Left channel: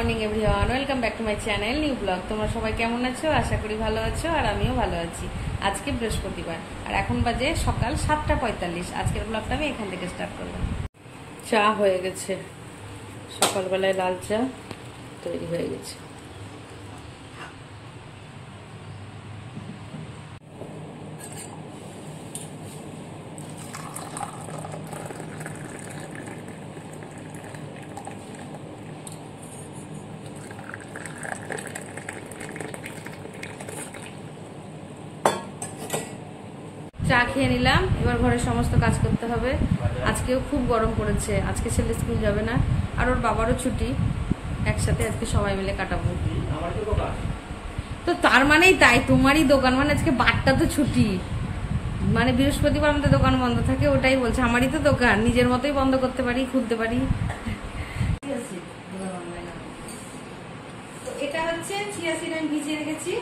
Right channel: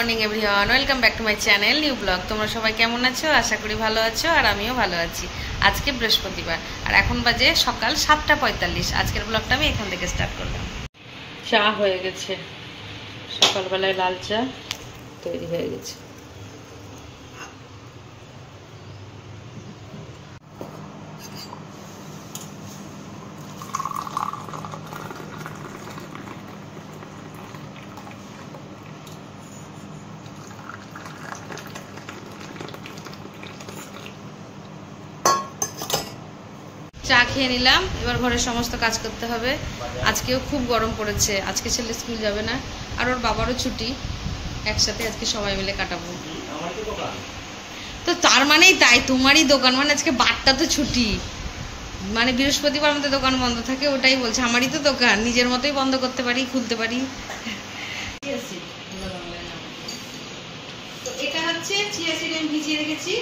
Morning everyone, welcome back to my channel new blog. তোমরা সবাই কেমন আছো? আশা করি ভালো আছো, আর আমিও ভালো আছি। আজকে বৃহস্পতিবার আর এখন বাজে সকাল 7:45। আজকের ব্লগটা আমি এখান থেকে স্টার্ট করলাম। চা হয়ে গেছে, সকালবেলায় লাল চা তৈরি হয়ে গেছে। চা খেয়ে নিলাম, এবার ঘরের সমস্ত কাজ করতে হবে। আজকেও খুব গরম পড়েছে। আজকে ছেলে স্কুল যাবে না, আর ওর বাবারও ছুটি। একসাথে আজকে সবাই মিলে কাটাবো। তো তার মানেই তাই, তোমারই দোকান মানে আজকে বারটা তো ছুটি, মানে বৃহস্পতিবার আমাদের দোকান বন্ধ থাকে। ওটাই বলছে, আমারই তো দোকান, নিজের মতোই বন্ধ করতে পারি, খুলতে পারি। তো এটা হচ্ছে চিয়া সিড আমি ভিজিয়ে রেখেছি।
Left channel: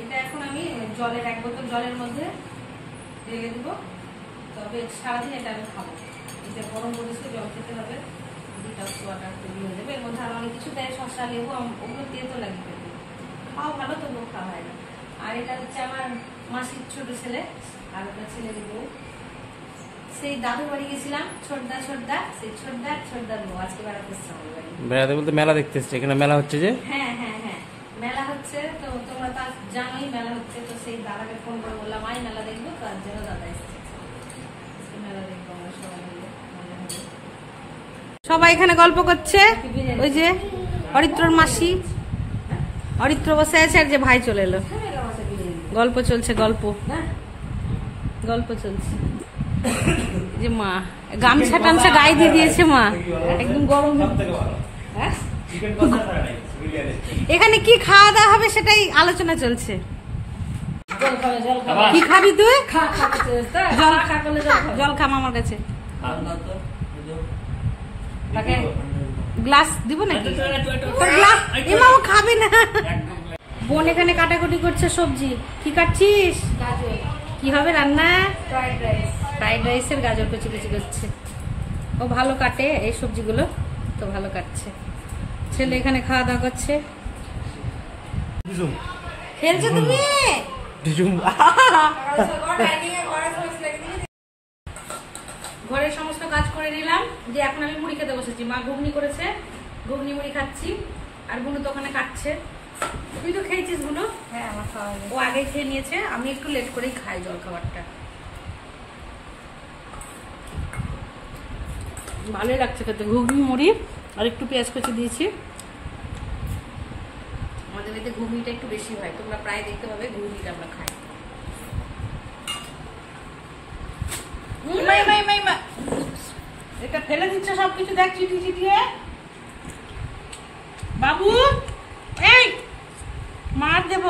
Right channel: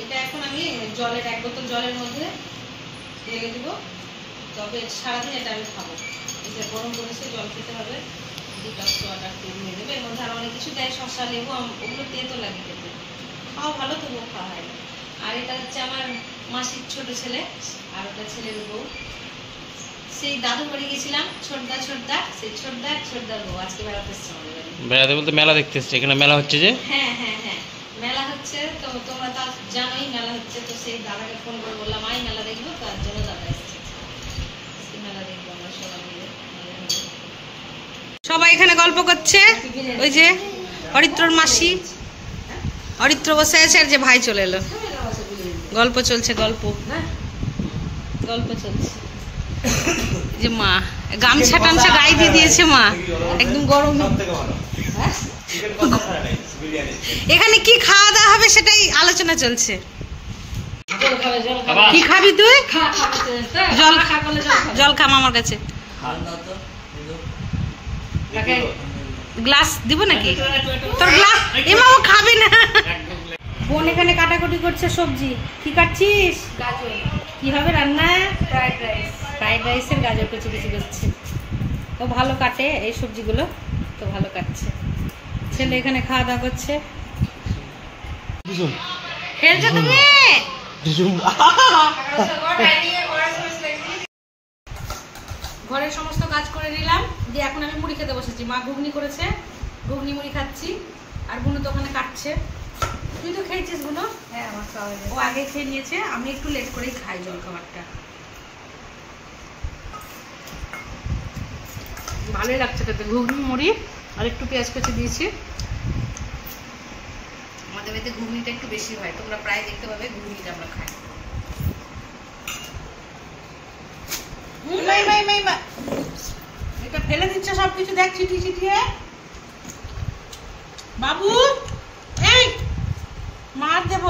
এটা এখন আমি জলের 1 বোতল জলের মধ্যে ঢেলে দিব। তবে সারাদিন এটা আমি খাবো। এটা গরম পরিস্থিতি, জল খেতে হবে। ডিটক্স ওয়াটার তৈরি হয়ে যাবে। এর মধ্যে আরও অনেক কিছু দেয়, শসা, লেবু, ওগুলো তেতো লাগে খেতে। খাও ভালো, তবুও খাওয়া হয় না। আর এটা হচ্ছে আমার মাসির ছোট ছেলে, আর ওটা ছেলের বউ। সেই দাদুর বাড়ি গেছিলাম, ছোটদা সেই ছোটদার বউ আজকে বেড়াতে এসছে আমাদের বাড়ি। বেড়াতে বলতে মেলা দেখতে এসছে? এখানে মেলা হচ্ছে যে? হ্যাঁ মেলা হচ্ছে। তো তোমরা তো জানোই মেলা হচ্ছে। তো সেই দাদাকে ফোন করে বললাম আই মেলা দেখবো, তার জন্য দাদা এসছে। মেলা দেখবো আমরা সবাই মিলে। সবাই এখানে গল্প করছে। ওই যে অরিত্রর মাসি, অরিত্র বসে আছে, আর যে ভাই চলে এলো। গল্প চলছে, গল্প চলছে। যে মা গামছা টামছা গায়ে দিয়ে দিয়েছে, মা একদম গরম। এখানে কি খাওয়া দাওয়া হবে সেটাই আলোচনা চলছে। কি খাবি তুই? জল খা আমার কাছে। গ্লাস দিব নাকি তোর? গ্লাস এমা ও খাবে না। বোন এখানে কাটাকুটি করছে সবজি। কি কাটছিস? গাজর। কি হবে রান্না? ফ্রাইড রাইসের গাজর কুচি করছে। ও ভালো কাটে এই সবজিগুলো, তো ভালো কাটছে। ছেলে এখানে খাওয়া দাওয়া করছে। খেলছো তুমি? ঘরের সমস্ত কাজ করে নিলাম, দিয়ে এখন আমি মুড়ি খেতে বসেছি। মা ঘুগনি করেছে, ঘুগনি মুড়ি খাচ্ছি। আর বুনু তো ওখানে কাটছে। তুই তো খেয়েছিস বুনু? হ্যাঁ, আমার খাওয়া হয়েছে। ও আগে খেয়ে নিয়েছে, আমি একটু লেট করেই খাই জল খাবারটা। ভালোই লাগছে খেতে, ঘুগনি মুড়ি আর একটু পেঁয়াজ কুচি দিয়েছি। আমাদের বাড়িতে ঘুগনিটা একটু বেশি হয়, তোমরা প্রায় দেখতে পাবে ঘুগনিটা আমরা খাই। এটা ফেলে দিচ্ছ সবকিছু, দেখ চিটিয়ে। বাবু এই মার দেব।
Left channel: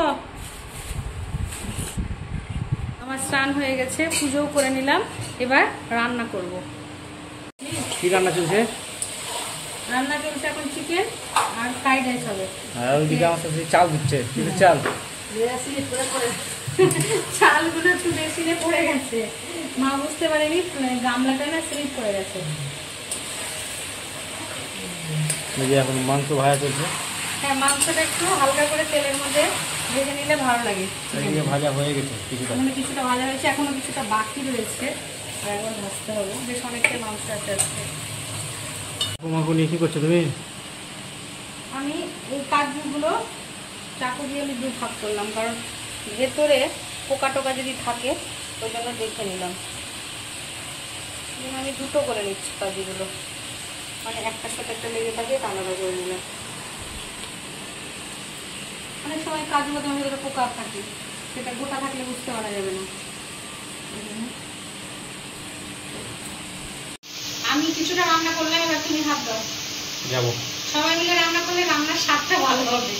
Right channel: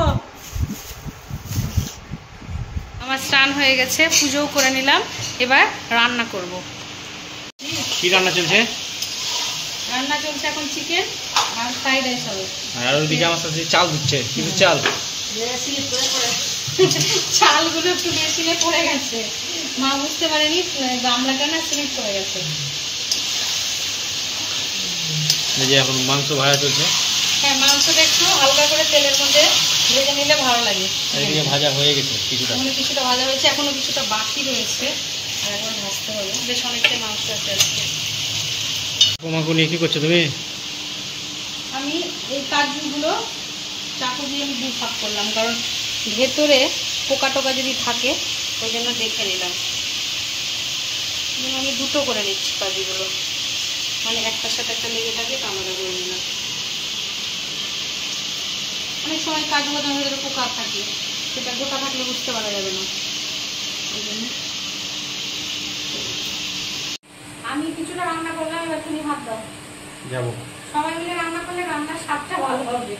আমার স্নান হয়ে গেছে, পুজোও করে নিলাম। এবার রান্না করব। কি রান্না চলছে? রান্না চলছে এখন চিকেন আর ফ্রাইড রাইস হবে। আর ওদিকে আমার সাথে চাল দিচ্ছে। কিন্তু চাল চালগুলো একটু মেশিনে পড়ে গেছে, মা বুঝতে পারেনি, গামলাটা না স্লিপ পড়ে গেছে। এই যে এখন মাংস ভাজা চলছে। হ্যাঁ, মাংসটা একটু হালকা করে তেলের মধ্যে ভেজে নিলে ভালো লাগে। এদিকে ভাজা হয়ে গেছে, কিছুটা ভাজা হয়েছে, এখনো কিছুটা বাকি রয়েছে, আর একবার ভাজতে হবে। বেশ অনেকটাই মাংস আছে আজকে। মাংস নিয়ে কি করছো তুমি? আমি এই কাজগুলো চাকু দিয়ে আমি 2 ভাগ করলাম, কারণ ভেতরে পোকা টোকা যদি থাকে ওই জন্য দেখে নিলাম। আমি 2টো করে নিচ্ছি কাজগুলো, মানে একটার সাথে একটা লেগে থাকে, আলাদা করে নিলাম। অনেক সময় কাজগুলো তোমার ভেতরে পোকা থাকে, সেটা গোটা থাকলে বুঝতে পারা যাবে না। আমি কিছুটা রান্না করলাম, এবার তুমি ভাত দাও। যাবো সবাই মিলে রান্না করলে রান্নার স্বাদটা ভালো হবে।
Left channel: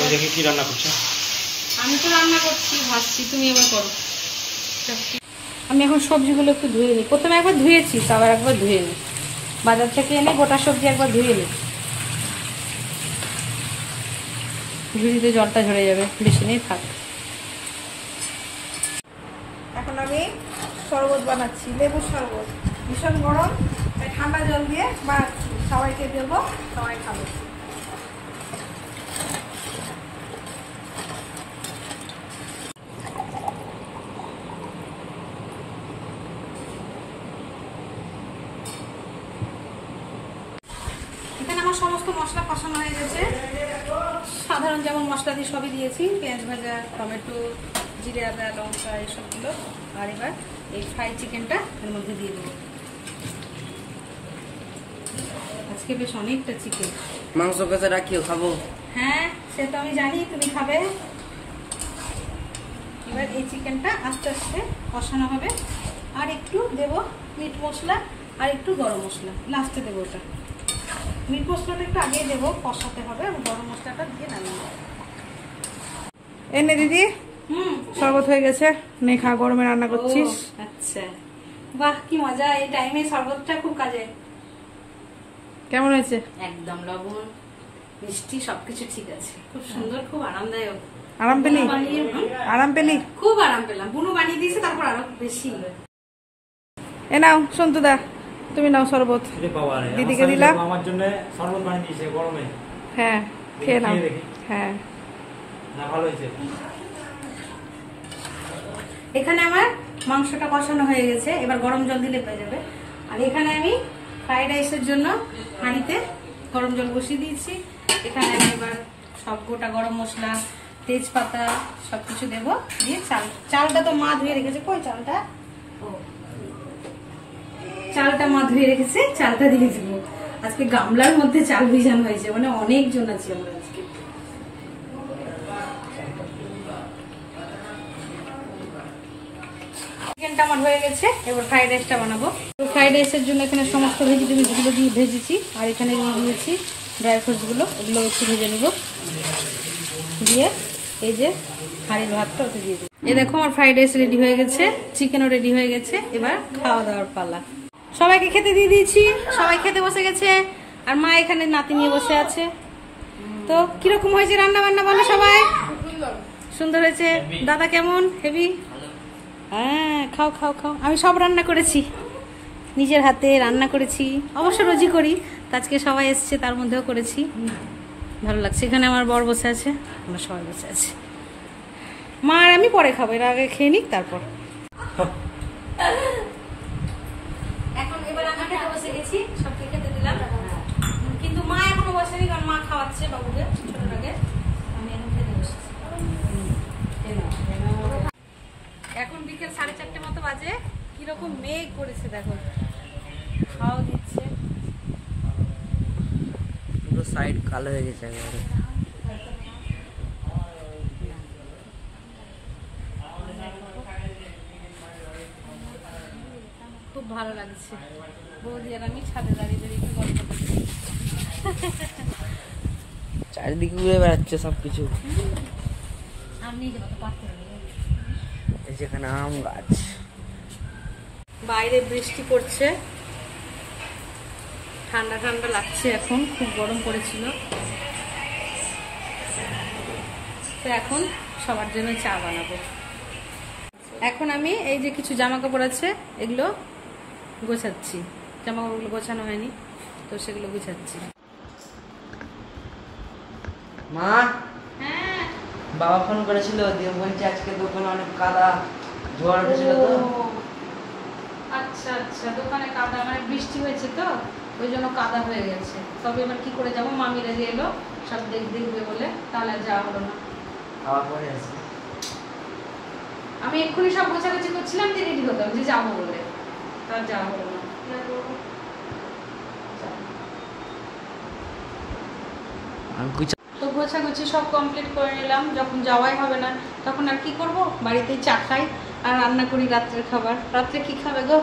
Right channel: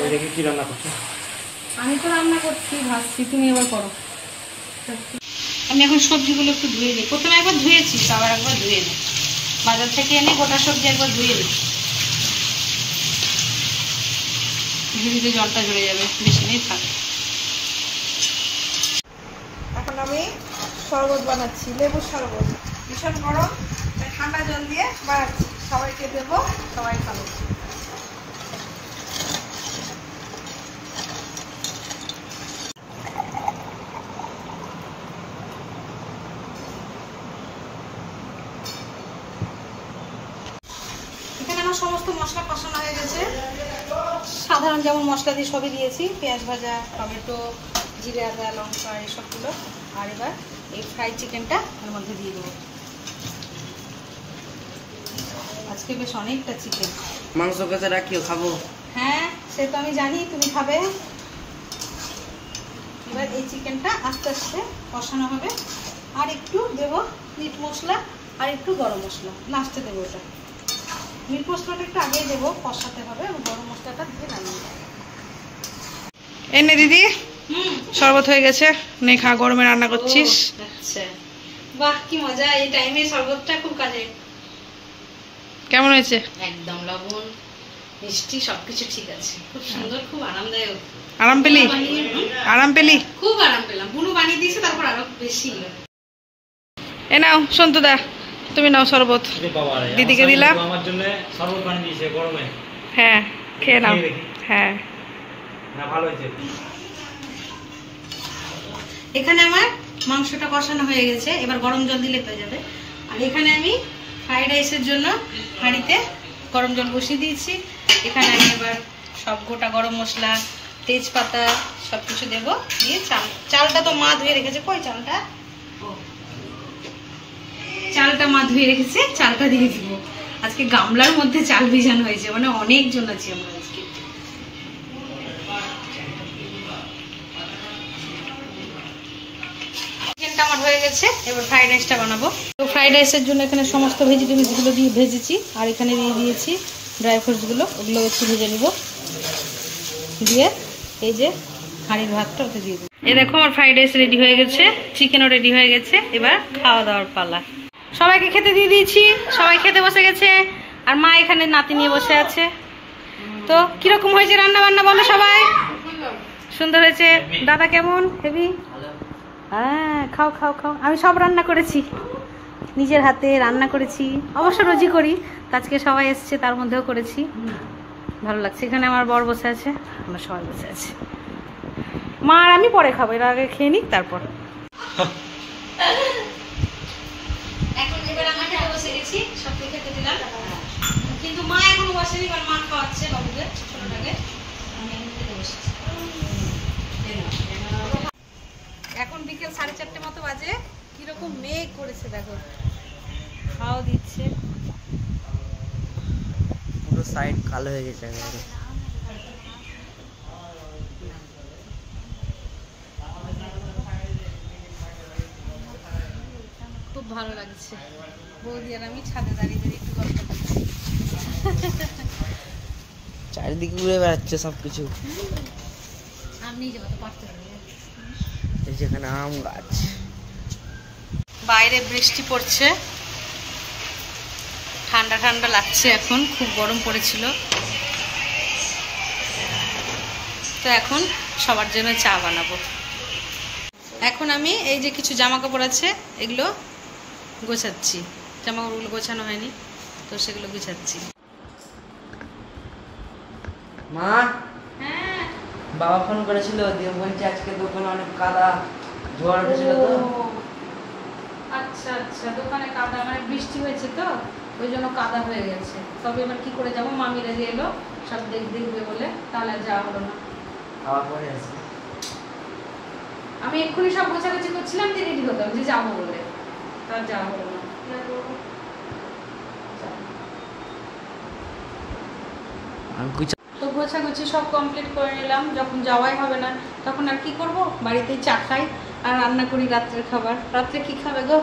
ওই দেখে কি রান্না করছো? আমি তো রান্না করছি, ভাজছি, তুমি এবার করো। আমি এখন সবজিগুলো একটু ধুয়ে নিই। প্রথমে একবার ধুয়েছি, আবার একবার ধুয়ে নিই। বাজার থেকে এনে গোটা সবজি একবার ধুয়ে নিই, ঝুড়িতে জলটা ঝরে যাবে, বেশি নেই থাক। এখন আমি শরবত বানাচ্ছি, লেবুর শরবত। ভীষণ গরম, তাই ঠান্ডা জল দিয়ে বানাচ্ছি। সবাইকে দেবো, সবাই খাবো। এখানে আমার সমস্ত মশলা কষানো হয়ে গেছে। সাধারণ যেমন মশলা দিয়ে সবই দিয়েছি, পেঁয়াজ ভাজা, টমেটো, জিরে, আদা, লঙ্কা এসবগুলো। আর এবার এই ফ্রাইড চিকেনটা এর মধ্যে দিয়ে দেবো। আজকে বেশ অনেকটা চিকেন। মাংস কাছে রাখিও, খাবো। হ্যাঁ, সে তো আমি জানি তুমি খাবে। এবার এই চিকেনটা আস্তে আস্তে কষানো হবে। আর একটু দেবো মিট মশলা আর একটু গরম মশলা, লাস্টে দেবো ওটা। মিট মশলাটা একটু আগে দেবো, কষাতে হবে, এবং গরম মশলাটা দিয়ে নামিয়ে দেবো। এনে দিদি, শরবত হয়ে গেছে, নে খা, গরমে রান্না করছিস। আচ্ছা, বাহ কি মজা, এই টাইমে শরবতটা খুব কাজে। কেমন হয়েছে? একদম লবণ মিষ্টি সবকিছু ঠিক আছে, খুব সুন্দর, খুব আরামদায়ক। আরাম পেলি? আরাম পেলি? খুব আরাম পেলাম। বুনু বানিয়ে দিয়েছে, তারপর আরো বেশি। এ নাও সন্তুদা, তুমি নাও শরবত, দিদিকে দিলাম। আমার জন্য শরবত বানিয়ে দিয়েছে গরমে। হ্যাঁ, খেয়ে নাও। হ্যাঁ, না ভালো হয়েছে। এখানে আমার মাংসটা কষানো হয়ে গেছে, এবার গরম জল দিলে হয়ে যাবে। আর এখানে আমি ফ্রাইড রাইসের জন্য হাঁড়িতে গরম জল বসিয়ে দিয়েছি। এখানে আমি এবার সব গোটা গরম মশলা, তেজপাতা সব কিছু দেবো, দিয়ে চালটা তো মা ধুয়ে রেখেছে। কই চালটা? চালটা মা ধুয়ে রেখেছে, চালটা দিয়ে দিব। আজকে গামলার মধ্যে চাল ভিজানো হয়েছে, মানে অনেকজন আছি আমরা আজকে। চিকেনটা আমার হয়ে গেছে, এবার ফ্রাইড রাইসটা বানাবো। তো ফ্রাইড রাইসের জন্য এখানে সমস্ত ভেজিটেবলসগুলো দিয়ে ভেজেছি, আর এখানে দিয়ে দিয়েছি ড্রাই ফ্রুটসগুলো, ওগুলো একটু ভেজে নিব। দিয়ে এই যে হাঁড়ির ভাতটা ওতে দিয়ে দিই। এই দেখো আমার ফ্রাইড রাইস রেডি হয়ে গেছে, চিকেনও রেডি হয়ে গেছে। এবার খাওয়া দাওয়ার পালা। সবাইকে খেতে দিয়ে দিয়েছি, সবাই খেতে বসে গেছে, আর মা এখানে নাতি নিয়ে বসে আছে। তো কিরকম হয়েছে রান্না বান্না বলো সবাই? সুন্দর হয়েছে। দাদা কেমন? হেভি। হ্যাঁ, খাও খাও খাও। আমি সব রান্না করেছি, নিজের হাতে রান্না করেছি, অবশ্য রোজই করি, আজকে সবাই এসছে তার মধ্যেও করেছি। ভালো লাগছে। এখানে আমার বর বসে আছে, আমরা সবাই বসে আছি। মা আর আমি পরে খাবো, এর আগে খেয়ে নিক তারপর। এখন এবার আমরা খেতে বসে গেছি, সবকে খেতে দিলাম, কিন্তু মা এখনো বসেনি, কারণ মা খাওয়াচ্ছে বাবুকে ছোটটাকে। আমি এখন খেতে বসেছি। এখন বিকেল 4:30 মতো বাজে। কিরকম মেঘ করেছে দেখো, খাওয়া দিচ্ছে। পুরো সাইড কালো হয়ে গেছে একেবারে। খুব ভালো লাগছে। বৌদি আর আমি ছাদে দাঁড়িয়ে দাঁড়িয়ে একটু গল্প করছি। চারিদিকে ঘুরে বেড়াচ্ছে সবকিছু। সামনে যাবো তো পারতে হবে। এই যেখানে আম গাছ। বাইরে বৃষ্টি পড়ছে, ঠান্ডা ঠান্ডা লাগছে। এখন খুব গরম পড়েছিল, তো এখন সবার জন্য চা বানাবো। এখন আমি এই যে কিছু জামা কাপড় আছে, এগুলো গোছাচ্ছি। জামা কাপড়গুলো গোছানো হয়নি, তো সেগুলো গুছাচ্ছি। মা, হ্যাঁ, বাবা ফোন করেছিল, দিয়ে বলছে আজকে দোকানে অনেক কাদা, ঝড় উঠেছিল তো। আচ্ছা আচ্ছা, দোকানে কাদা, মানে বৃষ্টি হয়েছে তো ওই জন্য কাদা হয়ে গেছে। তবে এবার কি করে যাবো, মামিরা যে এলো সব দেখবে বলে, তাহলে আর যাওয়া হলো না। খাওয়া পরে আছে। আমি এক্ষুনি সব গোছাগুছি করছিলাম, দিয়ে রেডি হতাম যে যাবো বলে, তার যাওয়া হলো না। তো গোছাগুছি সব কমপ্লিট করে নিলাম। যখন যাওয়াই হবে না, তখন আর কি করব, বাড়িতেই চা খাই আর রান্না করি রাত্রের খাবার। রাত্রে কি খাবে গো,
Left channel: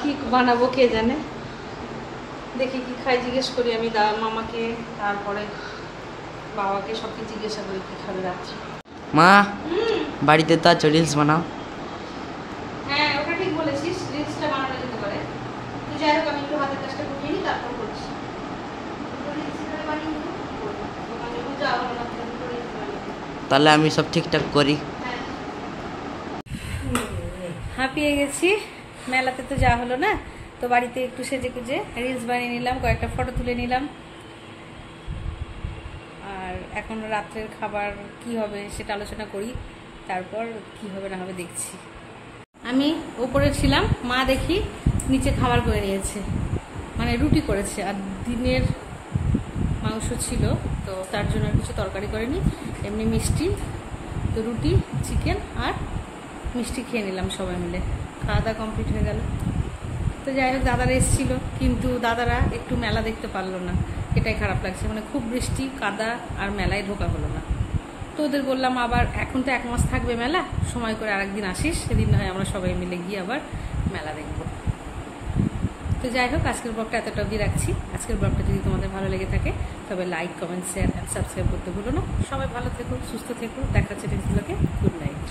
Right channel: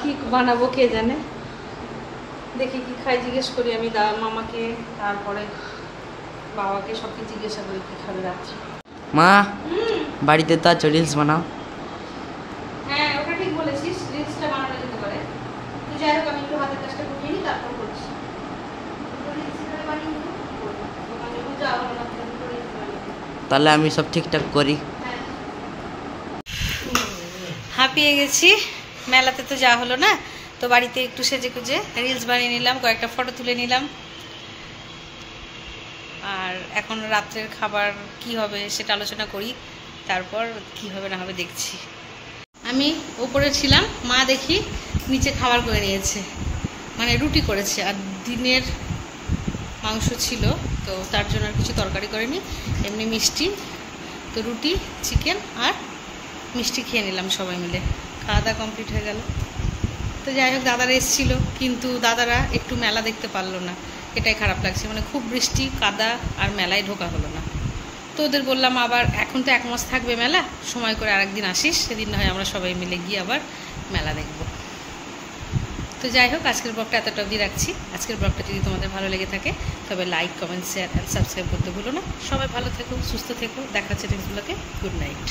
কি বানাবো কে জানে। দেখি কি খাই, জিজ্ঞেস করি আমি মামাকে, তারপরে বাবাকে, সবকে জিজ্ঞাসা করি কি খাবে রাত্রে। মা, বাড়িতে তো আছো, রিলস বানাও। হ্যাঁ, ওটা ঠিক বলেছিস, রিলসটা বানানো যেতে পারে। তো যাই হোক, আমি একটু হাতের কাজটা গুটিয়ে নিই, তারপর করছি। তাহলে আমি সব ঠিকঠাক করি। হাঁপিয়ে গেছি, মেলাতে তো যাওয়া হলো না, তো বাড়িতে একটু সেজে গুজে রিলস বানিয়ে নিলাম, কয়েকটা ফটো তুলে নিলাম। আর এখন রাত্রের খাবার কি হবে সেটা আলোচনা করি, তারপর কি হবে না হবে দেখছি। আমি ওপরে ছিলাম, মা দেখি নিচে খাবার করে নিয়েছে, মানে রুটি করেছে, আর দিনের মাংস ছিল তো তার জন্য আর কিছু তরকারি করেনি, এমনি মিষ্টি, তো রুটি চিকেন আর মিষ্টি খেয়ে নিলাম সবাই মিলে। খাওয়া দাওয়া কমপ্লিট হয়ে গেল। তো যাই হোক, দাদারা এসেছিলো কিন্তু দাদারা একটু মেলা দেখতে পারলো না, এটাই খারাপ লাগছে, মানে খুব বৃষ্টি কাদা আর মেলায় ঢোকা হলো না। তো ওদের বললাম আবার এখন তো 1 মাস থাকবে মেলা, সময় করে আরেকদিন আসিস, সেদিন না হয় আমরা সবাই মিলে গিয়ে আবার মেলা দেখব। তো যাই হোক, আজকের ব্লগটা এতটা অবধি রাখছি। আজকের ব্লগটা যদি তোমাদের ভালো লেগে থাকে তবে like, comment, share and subscribe করতে ভুলো না। সবাই ভালো থেকো, সুস্থ থেকো, দেখা হচ্ছে নেক্সট ব্লগে। Good night.